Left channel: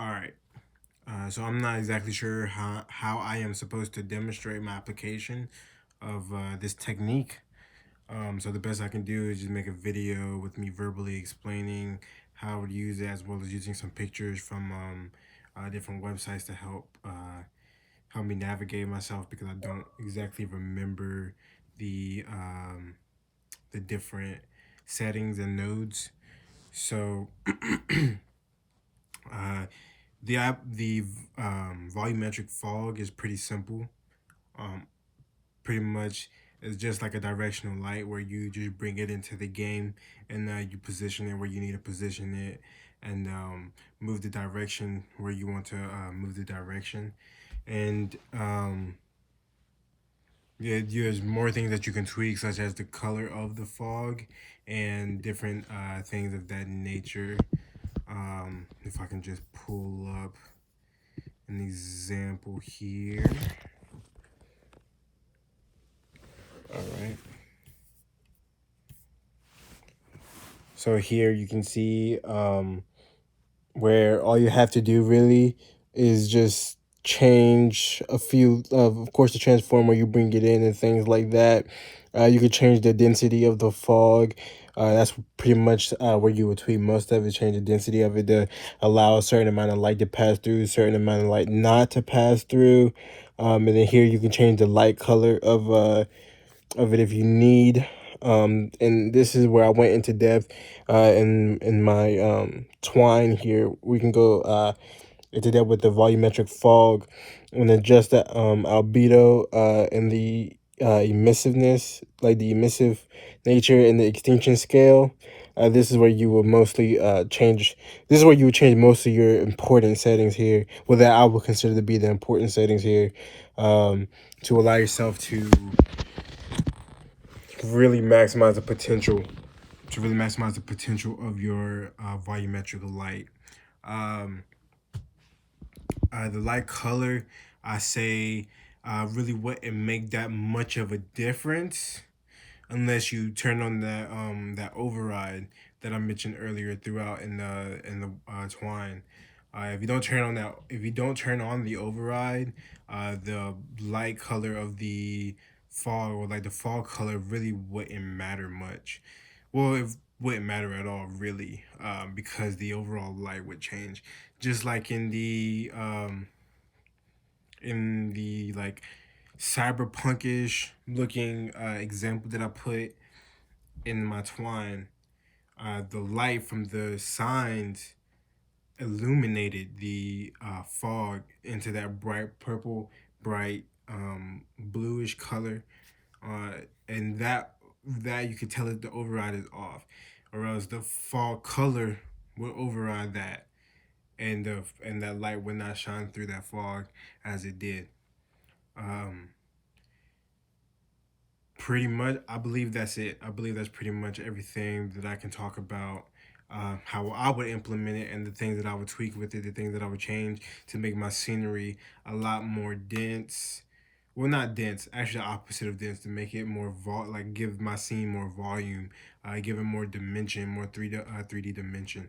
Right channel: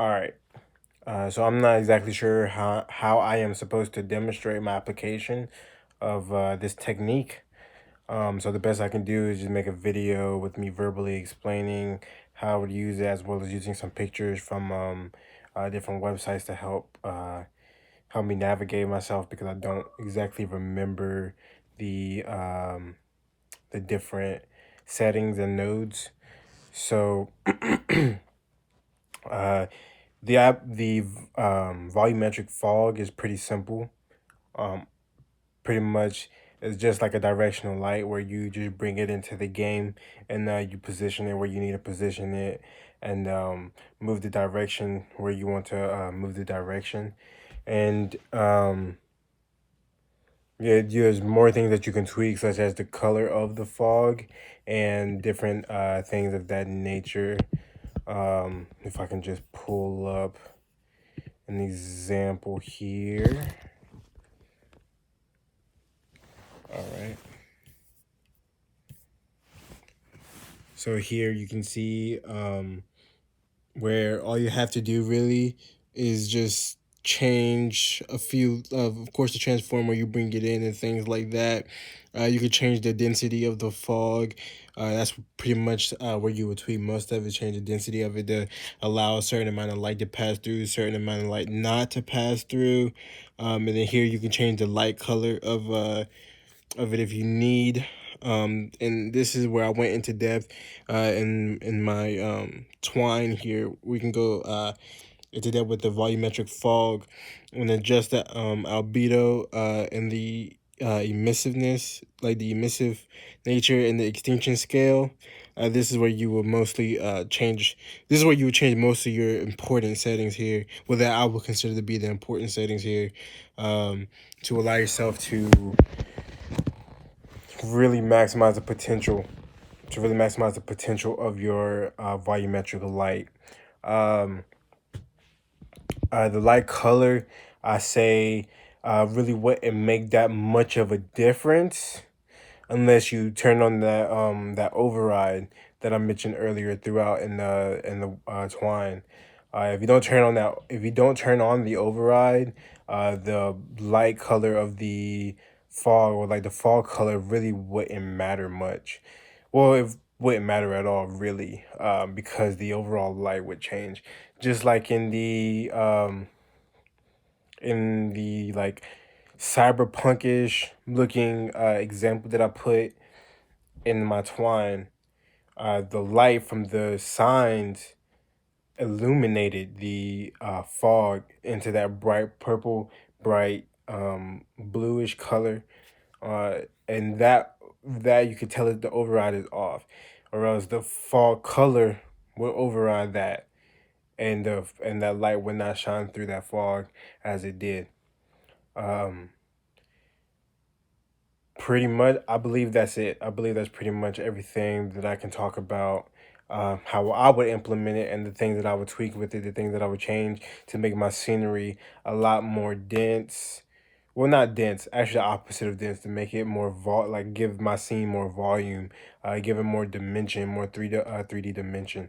All right. So I'm not exactly sure how I am supposed to demonstrate my application of this technique. So the best I can do is just make a video with me verbally explaining how I would use it, as well as using some pictures from different websites to help me navigate myself, because I don't exactly remember the um, the different settings and nodes. So uh, the volumetric fog is pretty simple. Um, Pretty much it's just like a directional light where you just bring it into the game, and you position it where you need to position it, and move the direction where you want to move the direction. And yeah, there's more things that you can tweak, such as the color of the fog and different things of that nature. If I can just pull up an example here. All right. So here you can see where all you have to do really is just change a few of course the transformer, you bring it in and things like that. You could change the density of the fog. That's pretty much where you would tweak most of it. Change the density of it to allow a certain amount of light to pass through, a certain amount of light not to pass through. And then here you can change the light color of it if you need. And this is where I went into depth in my Twine here. We can go into depth with the volumetric fog and adjust the albedo and the emissiveness, like the emissive nature and the extinction scale. This is where you will mostly change. This is where you would change most of your important settings here. Well, that I would consider to be the important settings here, to allow yourself to really maximize the potential of your volumetric light. Um, the light color, I say, really wouldn't make that much of a difference unless you turn on that override that I mentioned earlier throughout in the Twine. If you don't turn on the override, the light color of the fog, or like the fog color, really wouldn't matter much. Well, it wouldn't matter at all, really, because the overall light would change. Just like in the like cyberpunkish looking example that I put in my Twine, the light from the signs illuminated the fog into that bright purple, bright bluish color, uh, and that you could tell that the override is off, or else the fog color will override that, and that light would not shine through that fog as it did. Um, Pretty much, I believe that's it. I believe that's pretty much everything that I can talk about. How I would implement it, and the things that I would tweak with it, the things that I would change to make my scenery a lot more dense. Well, not dense, actually the opposite of dense, to make it more like give my scene more volume, give it more dimension, more 3D dimension.